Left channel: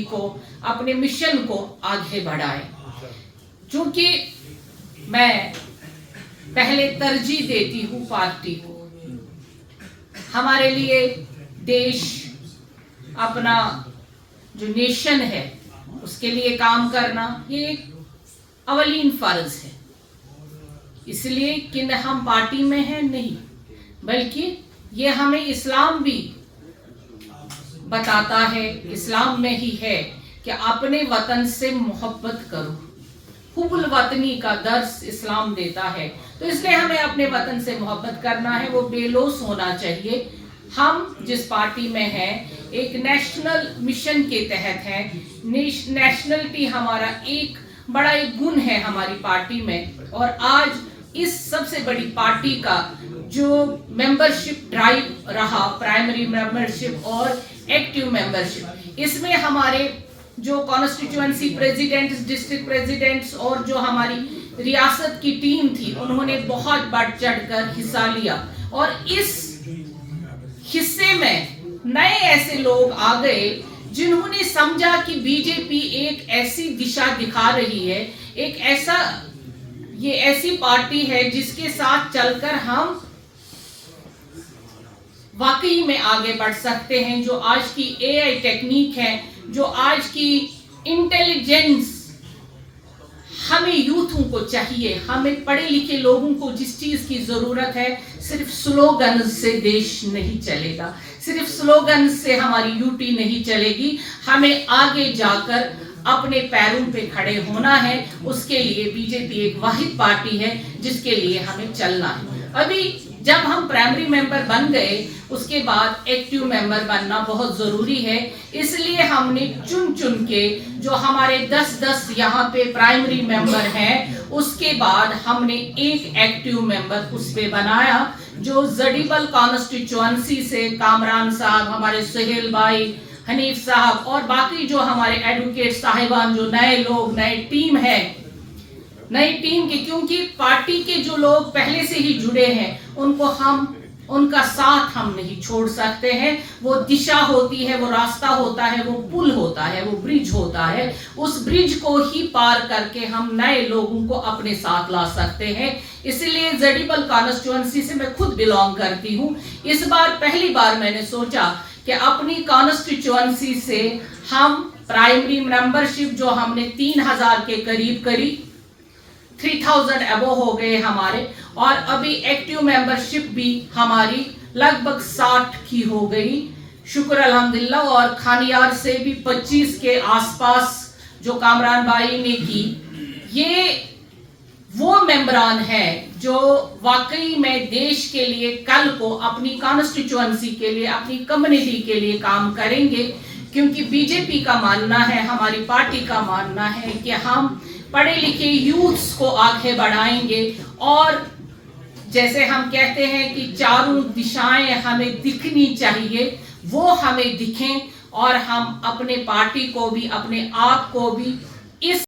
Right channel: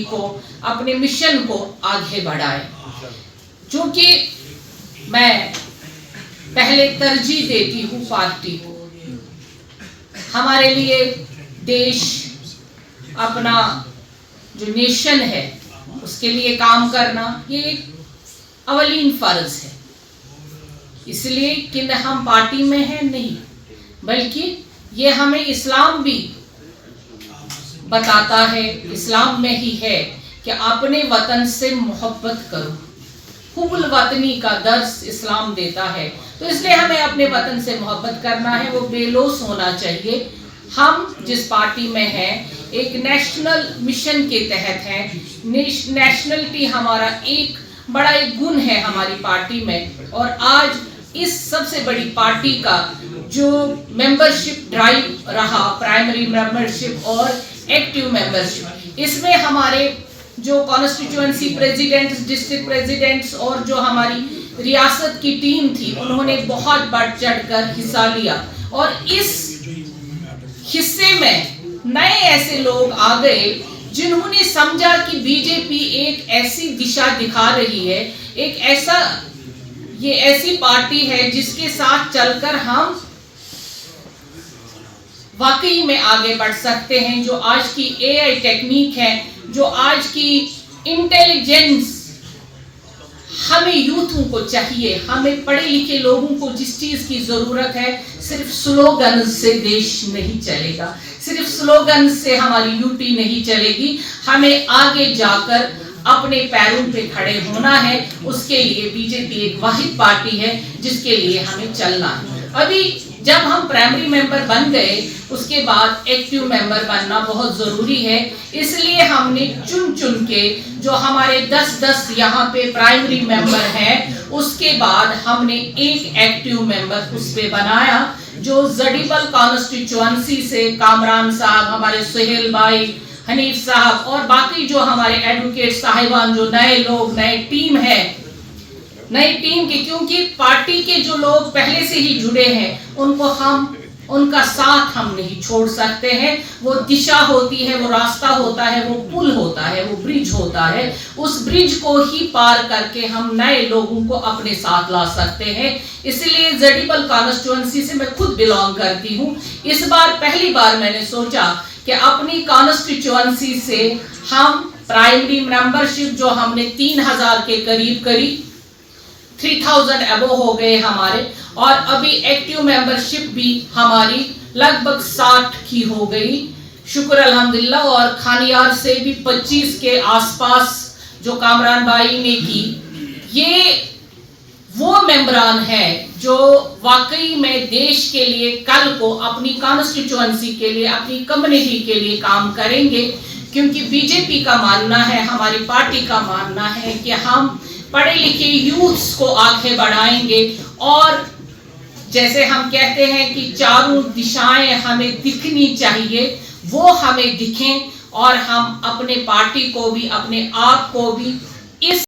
Party को, अपने mission को आगे बढ़ाएं। क्योंकि मैं पहले तरजीह देती हूँ पार्टी को। हमारे लिए देश, अपना जो नेशन है उसके लिए काम करना ये एक अवलीन फर्ज है। इसलिए कि हम पार्टी में हैं नहीं, बल्कि ये हमें इस्लाम भी बताता है, इस्लाम में ही है कि अपने वतन से मोहब्बत करो। हुब्बुल वतनी का दर्स इस्लाम देता है। तो इसलिए हमें अपने वतन से मोहब्बत करना है, वो बेलोस होना चाहिए। हम जिस पार्टी में हैं एक नेशनल मिशन के तहत हैं। नेशनलिटी हमारा एक बड़ा एक गुण है हमारी पार्टी में। और आज इस सबसे बड़ी पार्टी का जो मेंबरशिप ड्राइव रहा, प्राइमरी मेंबरशिप और एक्टिव मेंबरशिप, इसमें हमारे जो कॉन्स्टिट्यूएंसी प्रेसिडेंट्स, डिस्ट्रिक्ट प्रेसिडेंट्स और जो हमारी रियासत की टीम थी, उन्होंने बहुत बढ़ चढ़कर हिस्सा लिया। और इस हिस्से में नए ऐसे लोग आ गए जिन्होंने समझा कि बीजेपी एक ऐसी दिशा दिखा रही है, ये ऐसी पार्टी है जिसके साथ चलकर हम वाकई में आगे बढ़ सकते हैं। जो आज की एआई टेक्निक है, जो आज की इंटेलिजेंस हमें यूथों को चाहिए, हमें पढ़े लिखे लोगों को जिस चीज की जरूरत है, सिर्फ स्लोगन से देश नहीं चलेगा, सिर्फ स्लोगन से हमारी यूटी नहीं चलेगी। हमें आगे जाकर अपने पैरों पे खड़े होना है। उसके लिए बीजेपी एक वाहिद पार्टी है जिसके लिए हमें चलना है। अभी जब हम प्राइमरी मेंबर बन गए, उसके बाद एक्टिव मेंबर बनना बहुत जरूरी है। इसलिए हमने चुन चुन के जो हमारे 10-10 यहाँ पे प्राइमरी मेंबर हैं, उसके बाद हमने एक एक्टिव मेंबर उस पे बनाया, जो जडीबल कॉन्स्टिट्यूएंसी से कामरान साहब, हमारे सुहेल भाई, हनीफ साहब और बाकी जो हमारे एडवोकेट साहिबान, जो नए लोग, नए टीम है, नई टीम की, क्योंकि पार्टी के जो लोग पहले से ही जुड़े हैं उनका साथ हम नहीं छोड़ सकते हैं। वो दिशा होती है, वो रास्ता होता है, वो पुल होता है, वो ब्रिज होता है। उस ब्रिज को ही पार करके हम नए लोगों को अपने साथ ला सकते हैं। इसलिए जडीबल कॉन्स्टिट्यूएंसी से मैं खुद बिलोंग करती हूँ। इस बार पहली बार मैंने सोचा कि अपनी कॉन्स्टिट्यूएंसी से हम प्राइमरी मेंबरशिप जो हमने 3000 के करीब करी, 3000 अबो हो गए हमारे, और अभी एक्टिव मेंबरशिप भी हमारी लगभग 60 की हो गई, शुक्र अल्हम्दुलिल्लाह। और खानियार से भी 25 के आसपास जो कामरान भाई ने की। ये वो मेंबरान हैं जो वाकई में देश के लिए कल को अपनी कॉन्स्टिट्यूएंसी के लिए, अपनी कम्युनिटी के लिए काम करेंगे। क्योंकि बीजेपी का मानना है, हमारी पार्टी का मानना है कि हम पढ़े लिखे यूथ्स को आगे बढ़ाएंगे। और जैसे हम कहते हैं कि चारों दिशाएं हमें दिखनी चाहिए, वो हमें दिखें और हम अपने पार्टी को भी, अपने आप को भी इस